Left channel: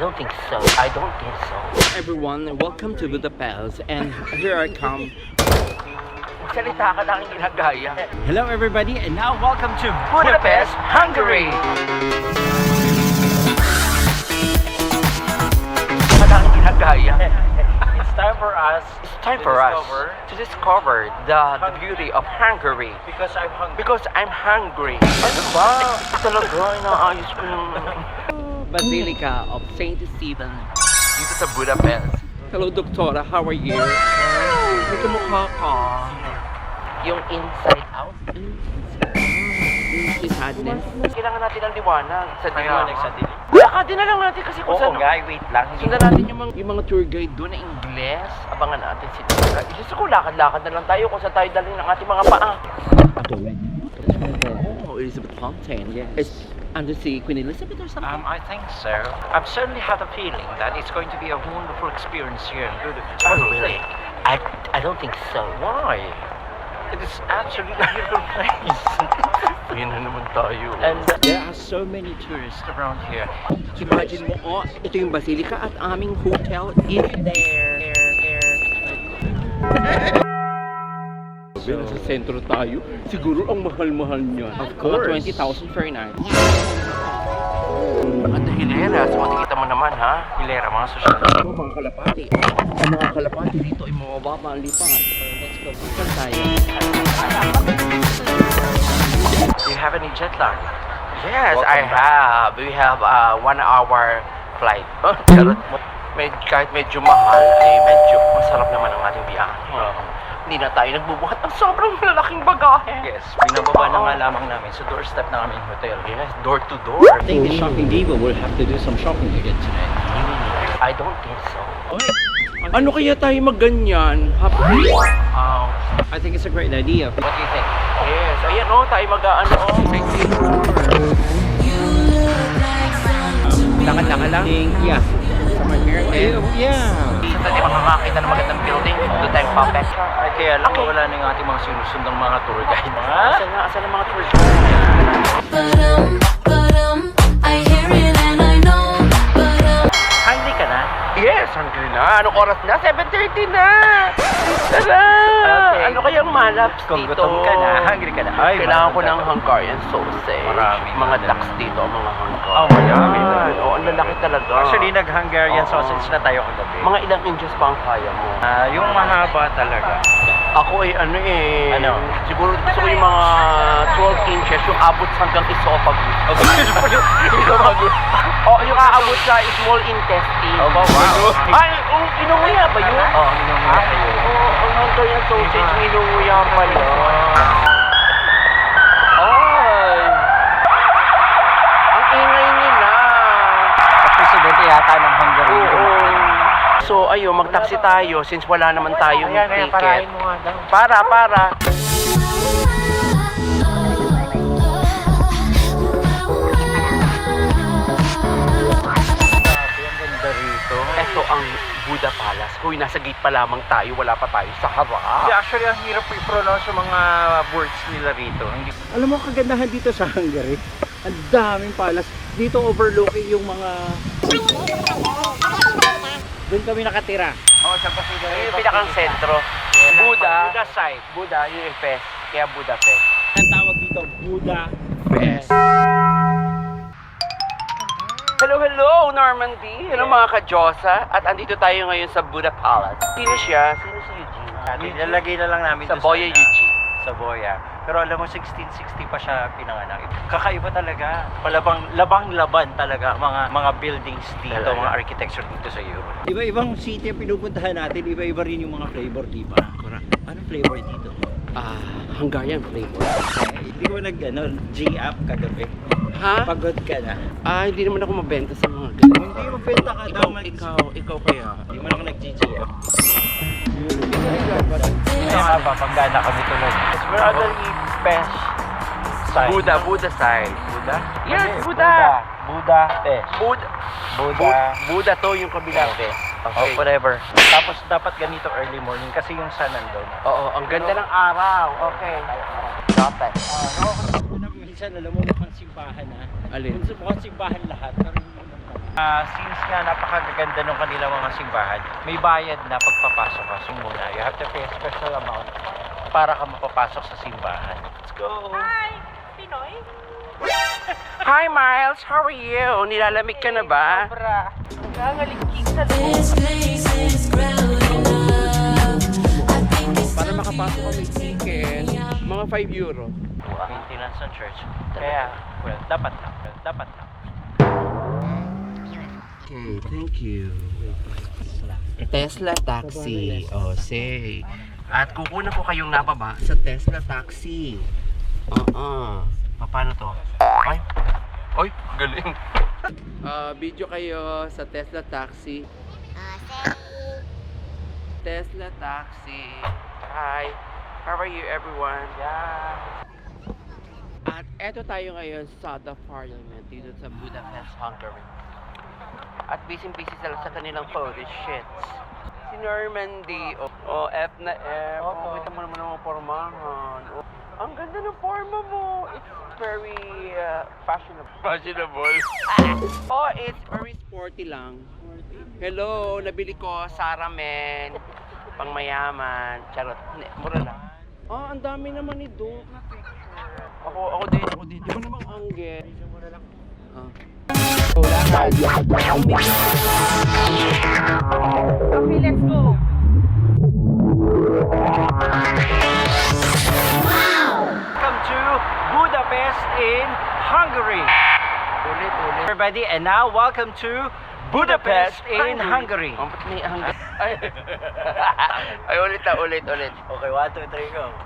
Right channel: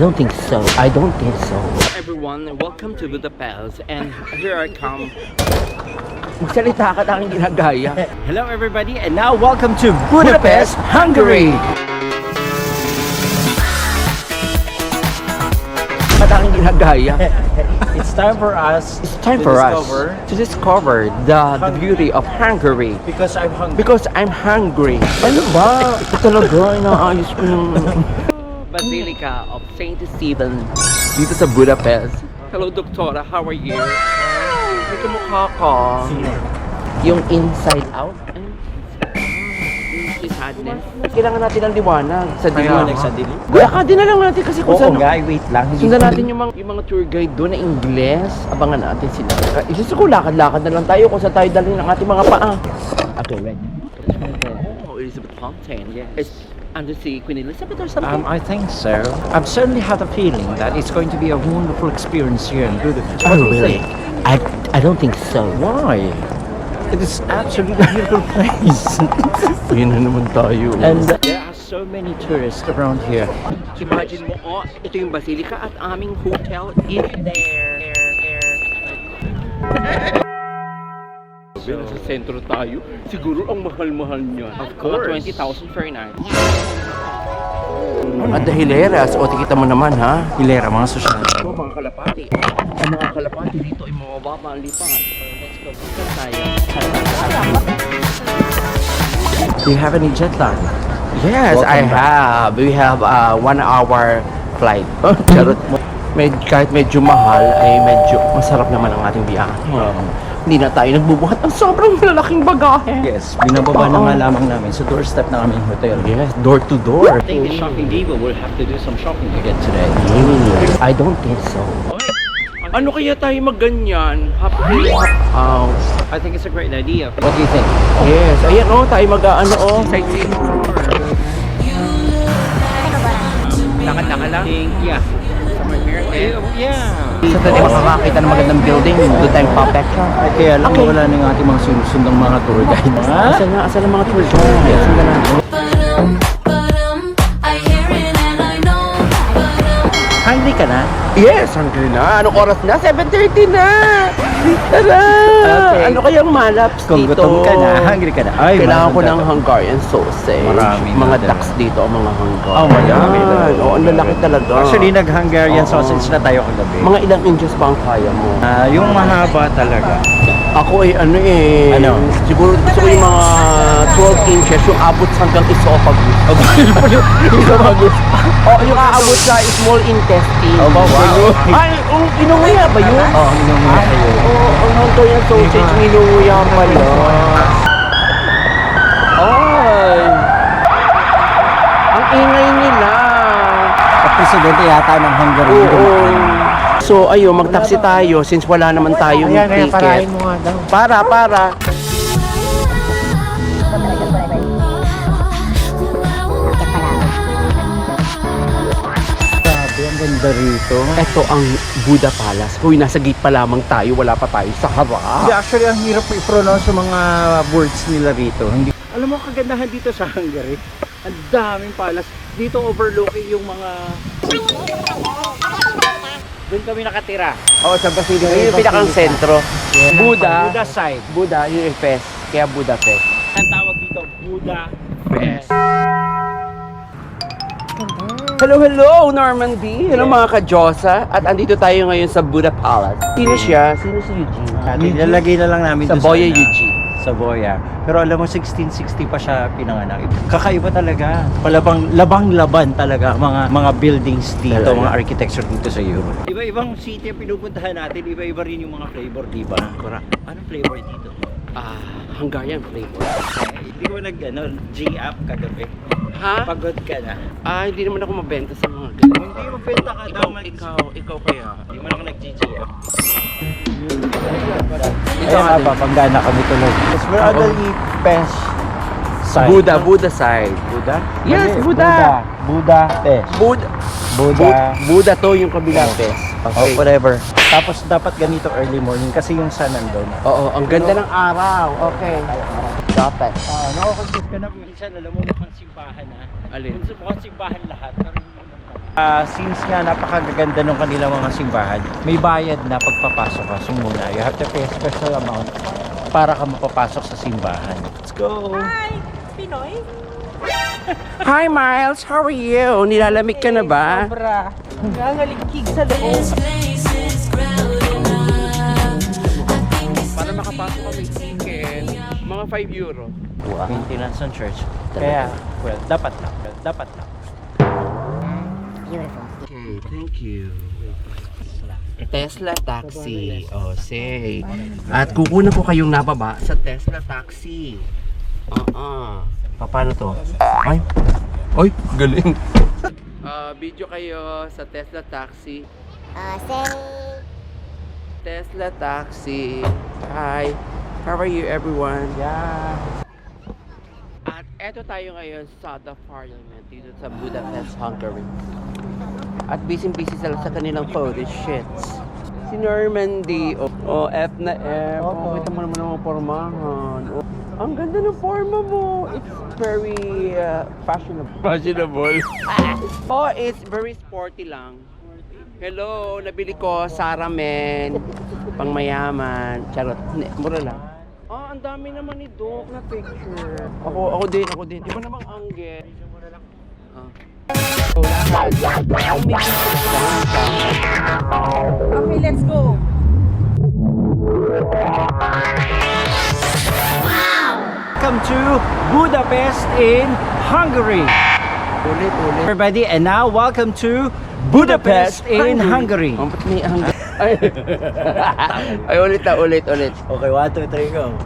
don't think so. I don't think so. Everyone, welcome to Budapest, and here I come. Magsalita ka na aking ginagaya. Hello everybody, and now welcome to Budapest, Hungary. It's time for us to discover the beauty of Hungary. Because I'm hungry. Because I'm hungry. Ano ba? Ito talaga, inaayos ko ng Basilica of Saint Stephen dito sa Budapest. Hello, Doktora. How are you? May kamukha ka. Yung inside out? Ano? Yung sadness. Kailangan natin ng liwanag sa dilim. Sa dilim? Lakadin na lang natin kasi kung saan. wait lang. Sundan natin yung mga tour guide doon na Ingles. Abangan natin sila. Isa ko lakad-lakad na lang tayo kung saan tayo dalhin ang ating mga paa. Ako rin. Oh, Elizabeth Fountain. Yes. It's under the Queen Elizabeth or something? I think so. I've certainly had a feeling that it's going to be a wonderful experience here in Budapest. Oh, What do you really? think? I don't think so. Why? It is absolutely a beautiful place. Yun na naman tayo. And there are so many tourists around here. Imagine mo, oh, ito yung Basilica at aming hotel is there. Sabi, nasa sentro tayo. Siguro ang mahal-mahal niyan. Of course. Mga 20,000 per night. At the hileras, o tikita mo naman ha. Hilera, mga sosyal. Ito, mga kalapati. Ang mga kalapati dito ay mababa ang lipad. Let's go. Saan tayo? Do you have any jet lag? Yes, I Welcome back. have. We have a 1 hour flight. Kahit medyo mahal, ay medyo masarap naman ang ating biyahe. Hindi na tayo nagbubuhat ng sobrang lalaking bagahe. Yes, binababa na Oo. nga lamang namin sa doorstep ng aming hotel. Yes, door to door. I think the shopping diva will have to do some shopping again today. I don't think so. Ano kaya tayo magganyan? Happy? I think it's a great idea. What do you think? Yes, ayan o, tayo mag-ano o, sightseeing tour. Lakad-lakad lang? Yeah. Somewhere here? Yeah. Sa tayo makakakita ng magandang building, doon tayong papecture. Ay, kaya lang Okay. wala na yung ating mga sinusundang mga tour guide. Asan ang mga tour guide? I hear it and I know. Hungry ka na? Yes, hungry na. Anong oras na? 7:30 na! Tara! Okay. Ano kayang malaps Kung dito? gutom ka na, hungry ka na. Ay, Kailangan ko maganda. ng Hungarian sausage. Maraming mga maganda. ducks dito, ang mga Hungarian. Oh my God. Ayan, oh, ang lalaki talaga. Actually, nag-Hungarian Oo. sausage na tayo kagabi. Mga ilang inches ba ang kaya mo? Yung mahaba talaga. Ako ay ano eh. Ano? Siguro gusto ko yung mga 12 inches, yung abot hanggang esophagus. Esophagus. Oh, yung aabot sa small intestine. Oh, wow. Ay, inuuya ba yun? Oo, inumin na kayo. Oo, ang Hungarian sausage, inuuya pala. Ay! Ang ingay nila. At presidente yata ng Hungary. Oo. So, ayun, mag-taxi tayo since wala naman tayong ticket. Para. Grabe, ang ganda rito. Ito ang Buda Palace. Uy, nasa gate pa lamang tayo. Wala pa tayo sa harap. Hindi, actually, ang hirap i-pronounce yung mga words nila rito. Hindi. Alam mo, kagandahan dito sa Hungary, ang daming palas. Dito overlooking yung mga... Doon kami nakatira. Oo, sa Basilica. Yung pinakang sentro. Buda. Buda side. Buda, yung Fest. Kaya Buda Fest. Ang tawag dito, Buda Fest. Hello, Normandy. Hello, mga ka-Diyosa. At andito tayo ngayon sa Buda Palace. Sino siya? Sino si Eugene? Nilalagay na lang namin Sa doon Boya Eugene. Sa Boya. Pero alam mo, 1660 pa siya pinanganak. Kakaiba talaga. Labang-laban talaga mga buildings dito, Talaga? mga architecture dito sa Europe. Iba-ibang city ang pinupuntahan natin, iba-iba rin yung mga flavor, di ba? Correct. Anong flavor dito? Hungarian flavor. Hindi ko G-up kagabi. Ha? Pagod ka na. Hindi naman ako mabenta sa mga ganun. Hindi mo benta ka daw. Ikaw kaya. Hindi mo lang nag-G-up. Ito nga ba, panggana kami tuloy. We're on the Pest side. Buda side. Buda? Yes, Mali, Buda. Buda Pest. Buda to yung kabilang Oh. Fest. Oh, whatever. Tapos dapat ganito early morning kasi yung sun nandun. Oo, ang ganda ng araw. Okay. Stop it. Nakakagod ka na minsan, alam mo mukhang simbahan ha. Alin? Mukhang simbahan lahat. Pero hindi naman. Since nga napakaganda ng kanilang mga simbahan, may bayad na pagpapasok ka. So muna, you have to pay a special amount para ka mapapasok sa simbahan. Let's go! Hi Miles, how are you? Nilalamig ka na ba? This place is crowded up. I think it's Para time for makapasok you kami to take ticket, me out. mga €5. Maintenance ng church. Kaya, well, dapat lang. Dapat lang. Okay, thank you. Tesla taxi. Oh, say. At kukunan ko kayong nababa sa Tesla taxi. Paano to? Ay. Oy, galing. Video kayo sa Tesla taxi. Tesla taxi. Hi. How are you everyone? Yeah. At eto tayo ngayon sa the Parliament dito sa Budapest, Hungary. At busy-busy sila sa kanilang photo shoots. Si Normandy, F na F. Kita mo naman ang pormahan. Ang ganda ng forma mo. It's very fashionable. Fashionable? It's very sporty lang. Hello, nabili ko Sarah Men. Pangmayaman. Charot. Mura lang. Ang dami naman ni Doc na picture. Ako din. Iba namang angle. Lakad. Let's go. Welcome to Budapest in Hungary. Ulit. Everybody, and now welcome to Budapest in Hungary. Ba't may Hungary? Ay, ulit. Okay, 1, 2, 3, go.